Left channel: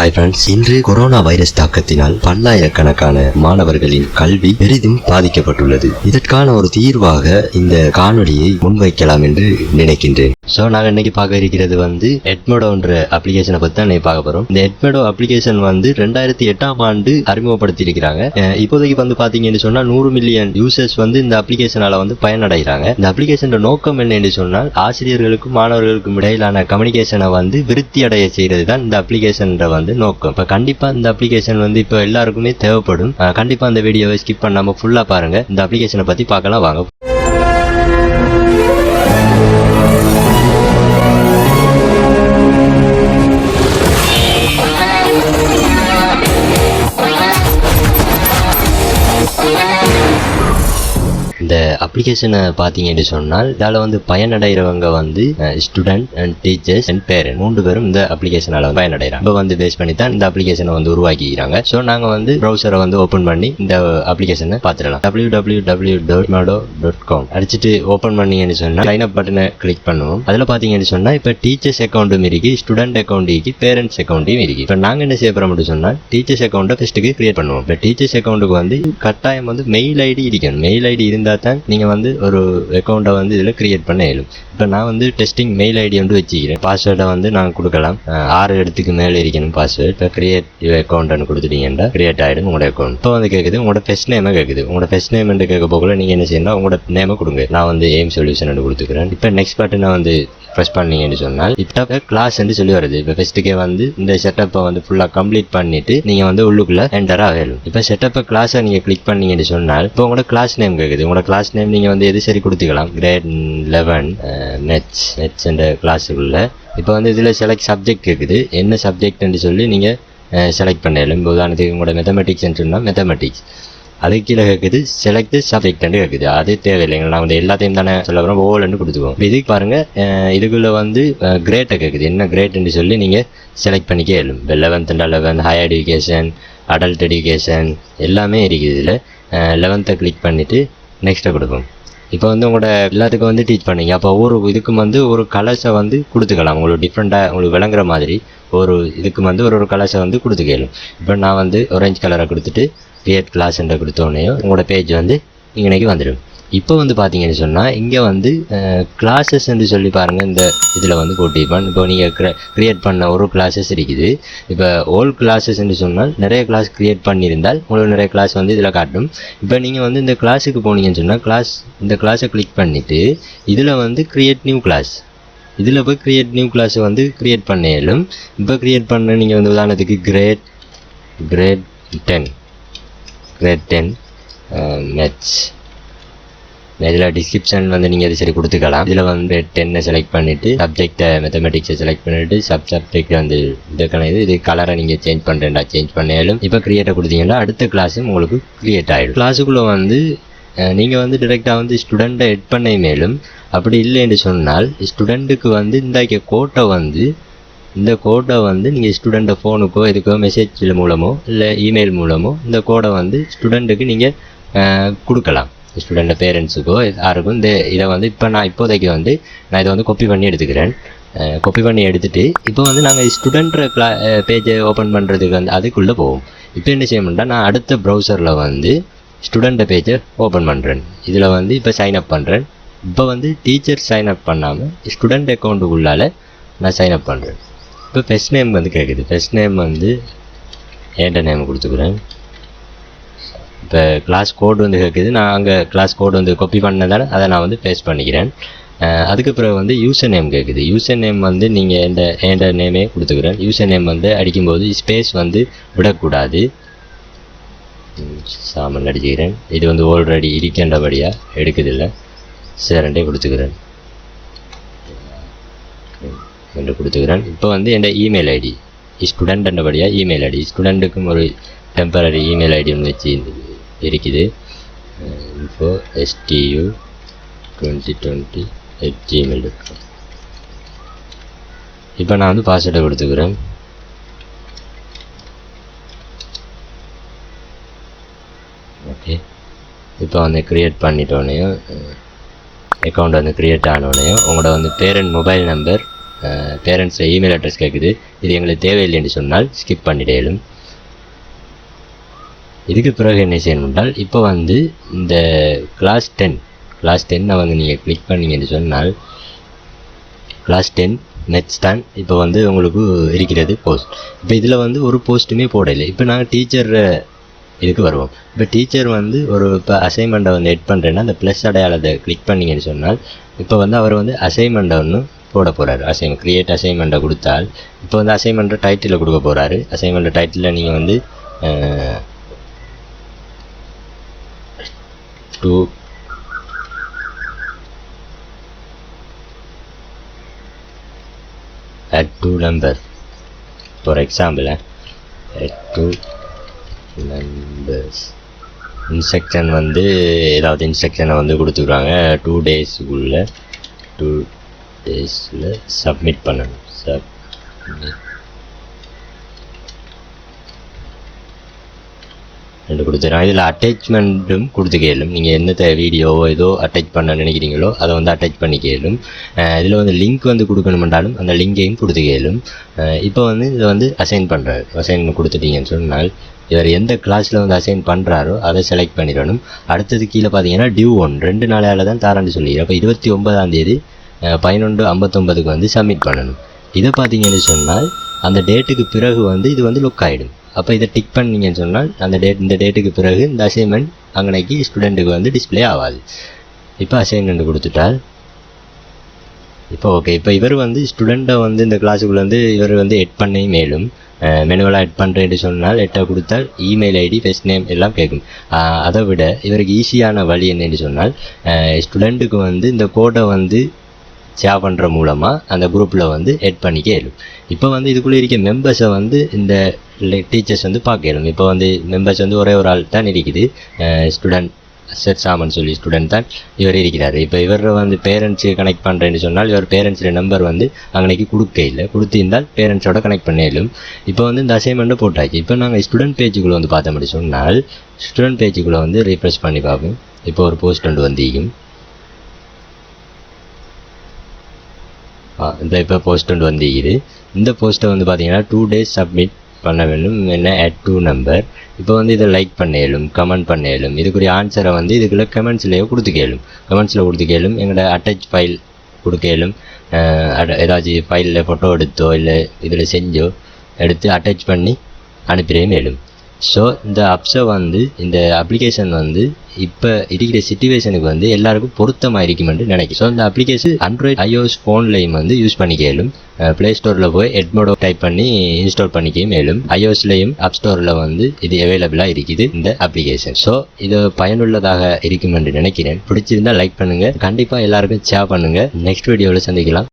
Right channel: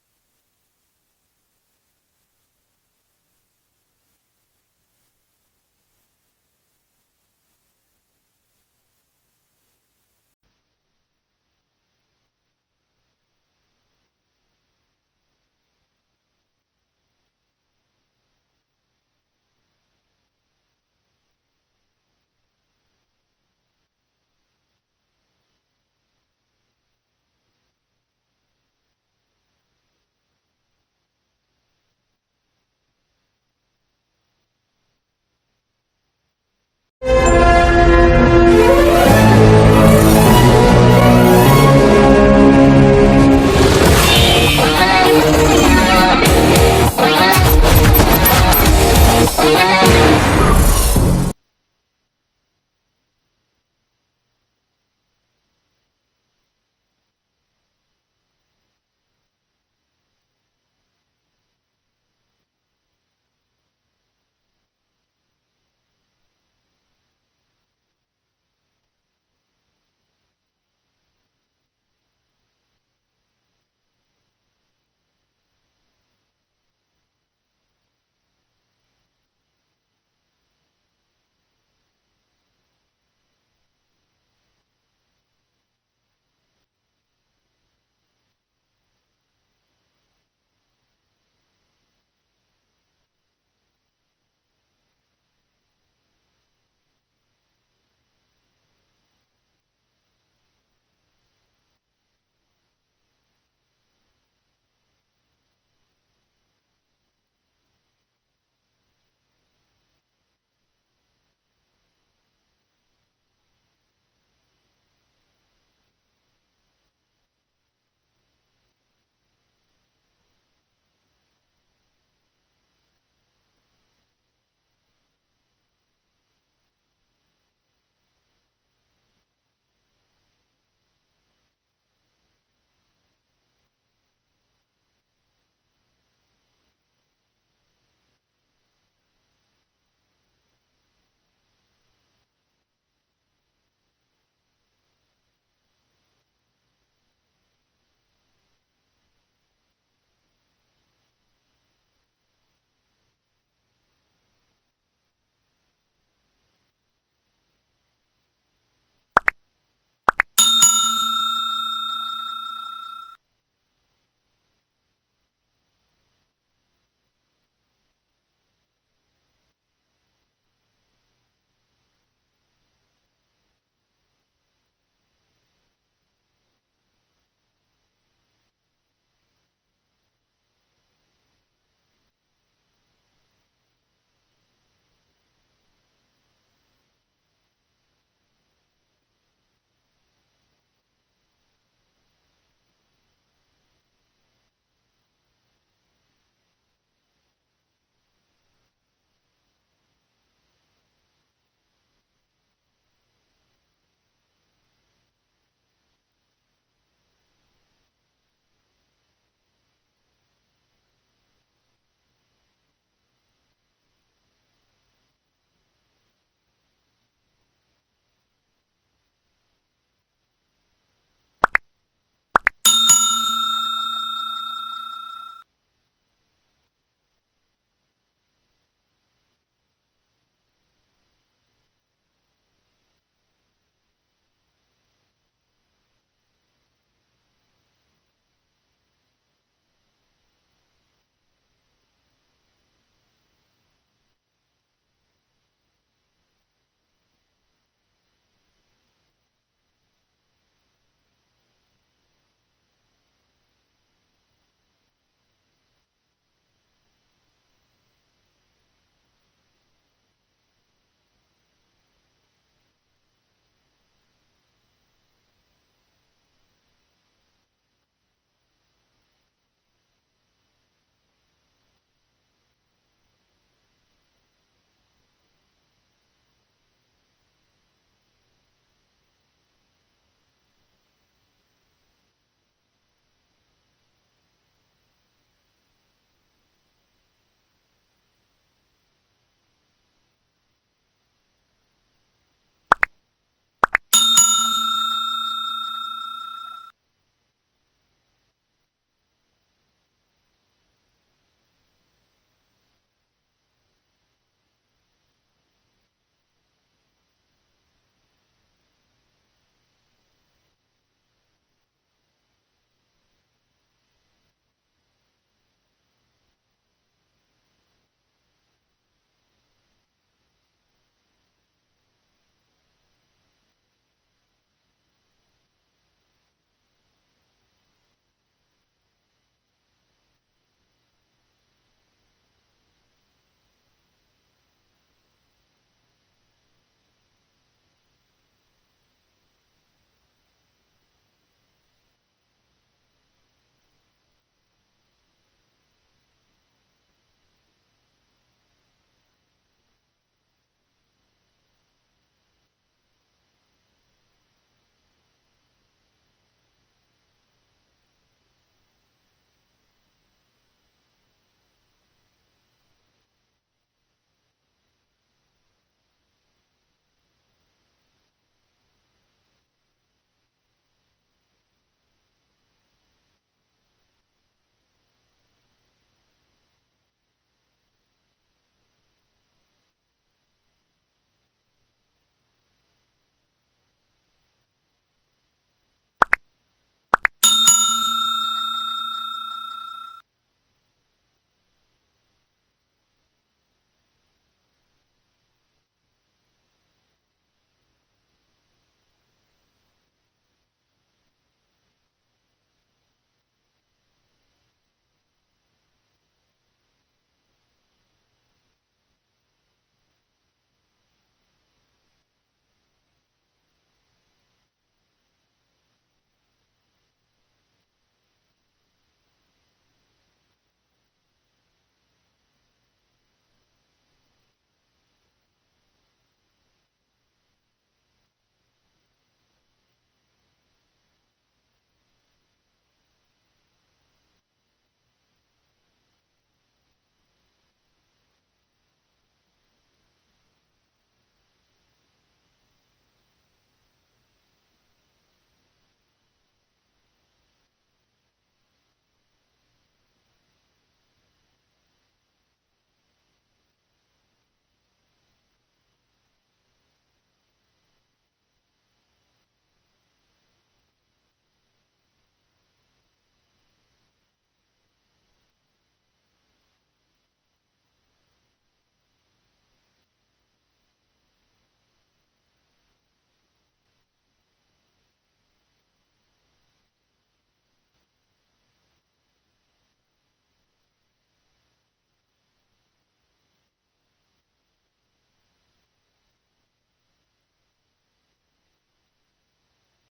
Hi friends, இன்று corona virus தாக்கத்தினால் பல்லாயிரக்கணக்கான மாணவர்களின் கல்வி பெரிதும் பாதிக்கப்பட்டுள்ளது. இதற்கான ஒரு தீர்வாக இந்த காணொலியை முன்வைக்கலாம் என்று நினைக்கின்றேன். ஸோ நாங்கள் இன்னைக்கு பார்க்க இருக்கிறது எட்மோடோன்ற அப்ளிகேஷனை பற்றி தான் இன்னைக்கு பார்க்க போகிறோம். இந்த எட்மோடோ அப்ளிகேஷன் 2008ஆம் ஆண்டு அறிமுகப்படுத்தி இருக்கிறாங்க. இப்போதைக்கு பார்த்தீங்கன்னு சொன்னால் 100 மில்லியன் யூசர்ஸ் இந்த அப்ளிகேஷனால பயனடைகிறாங்க. இந்த அப்ளிகேஷன் நோக்கம் என்ன என்று சொன்னால், ஆசிரியர்களுக்கும் மாணவர்களுக்கும் இடையிலான கம்யூனிகேஷனை விருத்தி அடைய செய்யறது தான் இந்த அப்ளிகேஷன் நோக்கம். இப்ப கண்டிப்பா இந்த அப்ளிகேஷன் இப்ப எல்லாருக்குமே தேவைப்படும். கண்டிப்பா இந்த வீடியோவை ஸ்கிப் பண்ணாம ஃபுல்லா பாருங்க. இந்த அப்ளிகேஷனை பத்தி பார்க்கலாம் வாங்க. இந்த அப்ளிகேஷனை பார்த்தீங்கன்னு சொன்னால், இதால் பயனடைகிறவங்க student and teachers and parent 3 பேரும் இந்த அப்ளிகேஷனால பயனடைகிறாங்க. இப்போ பேஸ் பண்ணி தான் இந்த அப்ளிகேஷனை உருவாக்கிக்கிறாங்க. ஸோ நாங்கள் ப்ரௌசரை ஓப்பன் பண்ணி இந்த அப்ளிகேஷனை பார்த்துடலாம். www.edmodo.com அடிச்சுட்டு ஓப்பன் பண்ணீங்கன்னு சொன்னால் சைன் அப் பட்டனை கிளிக் பண்ணுவோம். அதில் பார்த்தீங்கன்னு சொன்னால் இப்போ டீச்சர்ஸ் அக்கௌண்ட்டும் இருக்கு, ஸ்டூடெண்ட் அக்கௌண்ட் இருக்கு, பேரண்ட்ஸ் அக்கௌண்ட்டும் இருக்கு. இப்போ நாங்கள் என்ன செய்ய போகிறோம் சொன்னால், டீச்சர்ஸ் அக்கௌண்ட்டை ஃபர்ஸ்ட்டுக்கு கிரியேட் பண்ணுவோம். இப்போ டீச்சர்ஸ் அக்கௌண்ட்டுக்கு கட்டாயம் மெயில் ஐடி இருக்கணும். மெயில் ஐடி இருந்தால் தான் நீங்க ஒரு அக்கௌண்ட்டை இதுல கிரியேட் பண்ண இயலும். இப்போ நான் டெஸ்டிங் மெயில் ஐடி வச்சுக்கிறேன். பாஸ்வேர்டை நான் கொடுக்கலாம். 6 எழுத்துக்கு மேலே இருக்கணும் பாஸ்வேர்ட். இப்போ கிரியேட் அக்கௌண்ட்னு கொடுத்துட்டீங்கன்னா கிரியேட் ஆகிடும் உங்களோட அக்கௌண்ட். இப்போ கேட்குது உங்களோட ஃபர்ஸ்ட் நேமை கேட்குது. உங்களோட ஃபர்ஸ்ட் நேம் கேட்க போகல நீங்க என்ன செய்யணும், உங்களோட நேமை கொடுங்க. நான் AimSolution கொடுத்துக்கிறேன். இப்போ நெக்ஸ்ட் பட்டனை ப்ரெஸ் பண்ணீங்கன்னு சொன்னால் இப்போ கிளாஸ் சொல்லி வருது. இப்போ ஃபர்ஸ்ட்டுக்கே இந்த செட்டப்பை ஃபுல்லாக கம்ப்ளீட் பண்ணிட்டு நீங்க உள்ளுக்குள்ள என்டர் ஆகலும். இப்போ செட்டப்பை கிளாஸை நீங்க கிளிக் பண்ணீங்கன்னு சொன்னால் இப்போ உங்களோட கிளாஸ் நேம் கேட்குது. உங்களோட கிளாஸ் நேம் நீங்க எது சரி கொடுத்துக்கலாம். கிரேட் 11 நெட்ஸ் என்ற கிளாஸுக்குள்ள இப்போ இதில் செலக்ட் சப்ஜெக்ட் கேட்குது. என்ன சப்ஜெக்ட்னு சொல்லி நீங்கள் செலக்ட் பண்ணலாம். இப்போ உதாரணத்துக்கு உங்களோட மேத்தமெட்டிக்ஸ்ன்னு சொன்னால் மேத்தமெட்டிக்ஸ். அதுக்கு கீழே கேட்குது செலக்ட் சப்ஜெக்ட்னு கேட்குது. அது தேவையில்லைங்க. நான் எல்லாத்தையும் தானே சொல்ல போகிறோம். ஓல்னு கொடுத்துக்குவோம். இதுக்கு பாருங்க, இதுக்குள்ளே கிரேட்டை கேட்குது. என்ன கிரேட்னு சொல்லி நீங்கள் செலக்ட் பண்ணிக்க இயலும். இப்போ 11th and 11 higher education, adult education எல்லாமே இருக்குது. இதில் 11th கிளிக் பண்ணிவிட்டு நெக்ஸ்ட்டை கொடுப்போம். இப்போ உங்களோட எல்லாத்துக்கும் டீச் பண்ணீங்க. அப்போ ஒரு இதுக்கு ஒரு கலர்ஸை கொடுத்துக்கலாம். உங்களுக்கு டிஃப்ரெண்ட்டாக உங்களுக்கு விளங்குற மாதிரி ஒரு இதுக்கு ஒரு கலர்ஸை கொடுத்துக்கலாம். இப்போ நான் ஆரஞ்சு கலரை கொடுத்துட்டு கிரியேட் கிளாஸ் என்ற கொடுத்தோடனே உங்களோட பேஜ் இன்னைக்கு வந்துடும். இப்போ பார்த்தீங்கன்னு சொன்னால் இங்கே கிளாஸஸ் சொல்லி பாருங்கள். இந்த இதில் போட்டிருப்பான். இப்போ நீங்கள் கிரியேட் பண்ண ஒரு கிளாஸஸ் இருக்குது. இப்போ ஓல்ட் கிளாஸஸ் சொன்னால் நிறைய கிளாஸ் கிரியேட் பண்ணியிருந்தால் உங்களுக்கு நிறைய கிளாஸ் இதில் காட்டும். இப்போ நீங்கள் இந்த கிளாஸுக்கு போனீங்கன்னு சொன்னால் இந்த கிளாஸை கிளிக் பண்ணிவிட்டு இதில் கிரியேட் நியூ கிளாஸ், இதில் போய் கிரியேட் நியூ கிளாஸ் கிரியேட் பண்ண இயலும். இப்போ கிரியேட் பண்ண நீங்கள் உதாரணத்துக்கு கிரேட் 10 மேத்ஸ். இதில் டிஸ்கிரிப்ஷன் நீங்கள் இது சரி கொடுத்துக்கலாம். இதில் 10 செலக்ட் பண்ணிவிட்டு சப்ஜெக்டை மேத்தமெட்டிக்ஸை செலக்ட் பண்ணிவிட்டு சப்ஜெக்ட் இதுக்கான இது கலரை நீங்கள் சேஞ்ச் பண்ணுறேன்டா சேஞ்ச் பண்ணாலும். இப்போ கிரியேட்டை கொடுத்தீங்கன்னா அடுத்த கிளாஸும் உங்களுக்கு கிரியேட் ஆகிடும். கிளாஸுக்குள்ளே நீங்கள் டிரெக்டாக ஸ்டூடெண்ட்டை எட் பண்ண மேலும். அப்படி இல்லைன்னு சொன்னால் ஸ்டூடெண்ட்டுக்கு இந்த கோடை நீங்கள் ஸ்டூடெண்ட்டை ஃபோனுக்கோ இதுக்கோ மெசேஜ் மூலமோ இல்லை இமெயில் மூலமோ இந்த கோடை ஸ்டூடெண்ட்டுக்கு நீங்கள் கொடுக்கலாம். ஸ்டூடெண்ட் பேரண்ட்ஸுக்கோ யாருக்கும் இதை இப்போ நான் இப்போதைக்கு நான் இதை காப்பி பண்ணி எடுத்துக்கிறேன். காப்பி பண்ணி எடுத்துகிட்டு இப்போ நாங்கள் ஸ்டூடெண்ட் பேஜை ஓப்பன் பண்ணுறதுக்கு அதுக்குள்ளே போவோம். இப்போ என்ன செய்யணும்னா, நான் அடுத்த ப்ரௌசரில் ஸ்டூடெண்ட் பேஜை ஓப்பன் பண்ணுறேன். இதில் இப்போ சைன் அப் பண்ணுறேன். இப்போ டீச்சர் சைன் அப் பண்ணாமல் ஸ்டூடெண்ட் அக்கௌண்ட்டுக்குள்ளால் நான் சைன் அப் பண்ணுறேன். இப்போ ஃபர்ஸ்ட் நேம் கேட்குது. ஃபர்ஸ்ட் நேம் ஏண்ட நேம் கொடுத்துக்கிறேன். இப்போ கிளாஸ் கோடு கேட்குது. நான் அங்கே கிளாஸ் கோடு காப்பி பண்ணதால் அதை நான் பேஸ்ட் பண்ணிக்கிறேன். அதுக்கு பிறகு யூசர் நேம் கேட்குது. யூசர் நேம் நீங்கள் ஏண்ட நேமே கொடுத்துக்கிறேன். யூசர் நேம் அடிக்கும்போது ஸ்பேஸ் விடக்கூடாது. சாமன் அடிச்சுக்கிறேன். இது ஆல்ரெடி இருக்கின்றபடியாக எடுக்குதில்லை. சேரண்டே கொடுத்துக்கிறேன் என்று கொடுத்துக்கிறேன். இப்போ என் இமெயில் ஐடி ஸ்டூடெண்ட் என்றபடியாக இமெயில் ஐடி ஸ்டூடெண்ட்டுக்கும் ஒரு டெம்பரரி இமெயில் ஐடி ஒன்று வச்சு இருக்குது. info.stu2020@gmail.com. இப்போ நான் பாஸ்வேர்டை கொடுத்துக்கிறேன். ஓகே, இப்போ கிரியேட் பண்ணிட்டோன்னே அக்கௌண்ட் கிரியேட் ஆனோடனே உங்களோட பேரண்ட் மொபைல் நம்பர் பேரண்ட்ஸில் இமெயில் அட்ரஸ் கேட்குது, இது எங்களுக்கு தேவையில்லைன்னு சொன்னால் ஸ்கிப் பண்ணிடலும். இதுக்கு பிறகு என்ன செய்யணும் என்றால், இப்போ வந்து இந்த கிளாஸ் 10 வந்து நீங்கள் கிளிக் பண்ணிங்கன்னு சொன்னால் கிளாஸ் 10 நெக்ஸ்ட் தான் இப்போ வந்து உங்களுக்கு இருக்கிறது போஸ்ட். இப்போ இதில் வந்து ஒரு போஸ்ட்டுமே போடலை. இப்போ நாங்கள் டீச்சர் இதுக்கு வருவோம். இப்போ டீச்சர் வந்து இப்போ அசைன்மெண்ட்டை வந்து எட் பண்ணுறேன்னா அந்த ப்ளஸ் அடையாளத்தை கிளிக் பண்ணிங்கன்னு சொன்னால் இப்போ வந்து அவர் வந்து அசைன்மெண்ட்டை ஒன்று போட போகிறாரு. கிரியேட் அசைன்மெண்ட்டை கொடுத்தால் இப்போ வந்து அசைன்மெண்ட்டை டைட்டிலில் கொடுக்க போகிறாரு. அசைன்மெண்ட்டை டைட்டிலில் நீங்கள் வந்து add 2 number for example, add 2 numbers. Instruction வந்து ஏதாவது இன்ஸ்ட்ரக்ஷனை வந்து கொடுத்துருவாங்க. 2 daysக்குள்ள 2 daysல சப்மிட் பண்ணணும். ரெண்டு கொடுத்துருக்காங்க. இதில் அட்டாச்மெண்ட்டும் கொடுத்துக்கலும். நீங்கள் எந்த வீடியோவோ ஏதோ அட்டாச் பண்ண நினைக்கிறீங்களோ அதை வந்து அட்டாச் பண்ணிக்கலும். இதில் வந்து லிங்க் வந்து கொடுக்கணுமென்றாலும் அந்த லிங்கையும் கொடுத்துக்கலும். இப்போ வந்து இதை வந்து அசைன் பண்ணுறாரு. அசைன் கொடுத்துட்டீங்கன்னு சொன்னால் இவர் எந்த கிளாஸில் வந்து அசைன் பண்ணுறாரோ அதை செலக்ட் பண்ணிடணும். அடுத்தது கீழே பார்த்தீங்கன்னா டியூ 2 நாளையால் தான் தாரான்னு சொல்லிடுறேன். அப்போ 29ஆம் தேதி 11:59 வந்து சப்மிட் பண்ணணும். இதை பார்த்தீங்கன்னு சொன்னால் அந்த டேட்டுக்கு பிறகு வந்து இது வந்து லுக் ஆகிடும். அப்போ இதை டிக் பண்ணிங்கன்னு சொன்னால் இந்த டேட்டுக்கு பிறகு இந்த அசைன்மெண்ட் அங்கனைக்கு ஸ்டூடெண்ட்டுக்கு வந்து டிஸ்பிளே ஆகாது. இப்போ அசைன்மெண்ட் கொடுத்துட்டால் இப்போ ஓகே. இப்போ இவர் வந்து ஸ்டூடெண்ட்டை வந்து இந்த கிளாஸுக்குள்ளே வந்து இவர் வந்து எட் பண்ணி மேலும் மெனுவலாக எட் பண்ணுறேன்னு சொன்னால் எட்டை கொடுத்தால் இமெயில் ஐடி ஃபர்ஸ்ட் நேம் எல்லாம் கேட்கும். அதை விட இவருக்கு ஈஸியான வழி என்னென்னு சொன்னால் ஸ்டூடெண்ட்டுக்கு வந்து இந்த கோடை வந்து ஷேர் பண்ணுற மூலமாக அந்த குரூப்பில் வந்து எட் பண்ணிக்க இயலும். இப்போ வந்து இதுக்குள்ளே இருக்க மெம்பர்ஸை வந்து இந்த டீச்சர்ஸ் வந்து பார்க்க இயலும். இப்போ வந்து மெம்பர்ஸ் வந்து ஒரே ஒரு ஆள் தான் இருக்குது. ஸ்டூடெண்ட் செட் சாமன் சொல்லி ஸ்டூடெண்ட் தான் இவர் இருக்கிறார். இப்போ இவர் வந்து பேரண்ட்ஸு கனெக்ட் பண்ணுறேன்னு சொன்னால் இவர் பேரண்ட்ஸோட நம்பர் வந்து அங்கனைக்கு கொடுத்திருந்தால் பேரண்ட்ஸோட கனெக்ட் பண்ணிடலும். இப்போ வந்து இந்த அசைன்மெண்ட்டை போட்டாச்சு. இப்போ நாங்கள் ஸ்டூடெண்ட் பேஜுக்குள்ளே வந்து பார்த்தோம்னு சொன்னால் ஸ்டூடெண்ட் பேஜுக்குள்ளே வந்து ரீஃப்ரெஷ் பண்ணி பார்ப்போம். இப்போ ஒரு போஸ்ட் ஒன்று வந்திருக்கும். இப்போ போஸ்ட் ஒன்று வந்திருக்குது. இந்த போஸ்ட்டை வந்து பார்த்தீங்கன்னா 2 days சப்மிட் பண்ண வேண்டும். என்ன add 2 number. இப்போ வந்து இதை லைக் பண்ணேலும் கமெண்ட் பண்ணேலும் இதுக்குரிய ஆன்சரை வந்து இதுக்குள்ளே கமெண்ட்ஸ்லேயே கொடுத்துக்கலும். எங்களோட அட்டாச் ஃபைல் கொடுக்கலும். ஏதாச்சும் ஃபைலில் ஃபோட்டோ எடுத்தோ இல்லை இதில் செஞ்சோ எடுத்து அட்டாச் பண்ணி அனுப்பிடவே மேலும். ஸோ இந்த இந்த அப்ளிகேஷன் வந்து இப்போ இருக்கிற சிச்சுவேஷனுக்கு வந்து எல்லாருக்கும் பொருத்தமாக இருக்குமென்று நினைக்கிறேன். ஸோ இந்த அப்ளிகேஷன் ஆண்ட்ராய்ட் iOS ஃபோன்லையும் வந்து யூஸ் பண்ணிக்கலும். ப்ளே ஸ்டோரில் போய் எட்மோடோ டைப் பண்ணி இன்ஸ்டால் பண்ணிக்க மேலும் iOSலையும் ஆப் ஸ்டோரில் வந்து இது அவைலபிளாக இருக்குது இந்த அப்ளிகேஷன். ஸோ இது பயனுள்ளதாக இருக்கும் என்று நினைக்கிறேன். பிடிச்சிருந்தால் லைக் பண்ணுங்கள், கண்டிப்பாக எல்லாருக்கும் ஷேர் பண்ணுங்கள். நெக்ஸ்ட் வீடியோவில் சந்திக்கலாம்.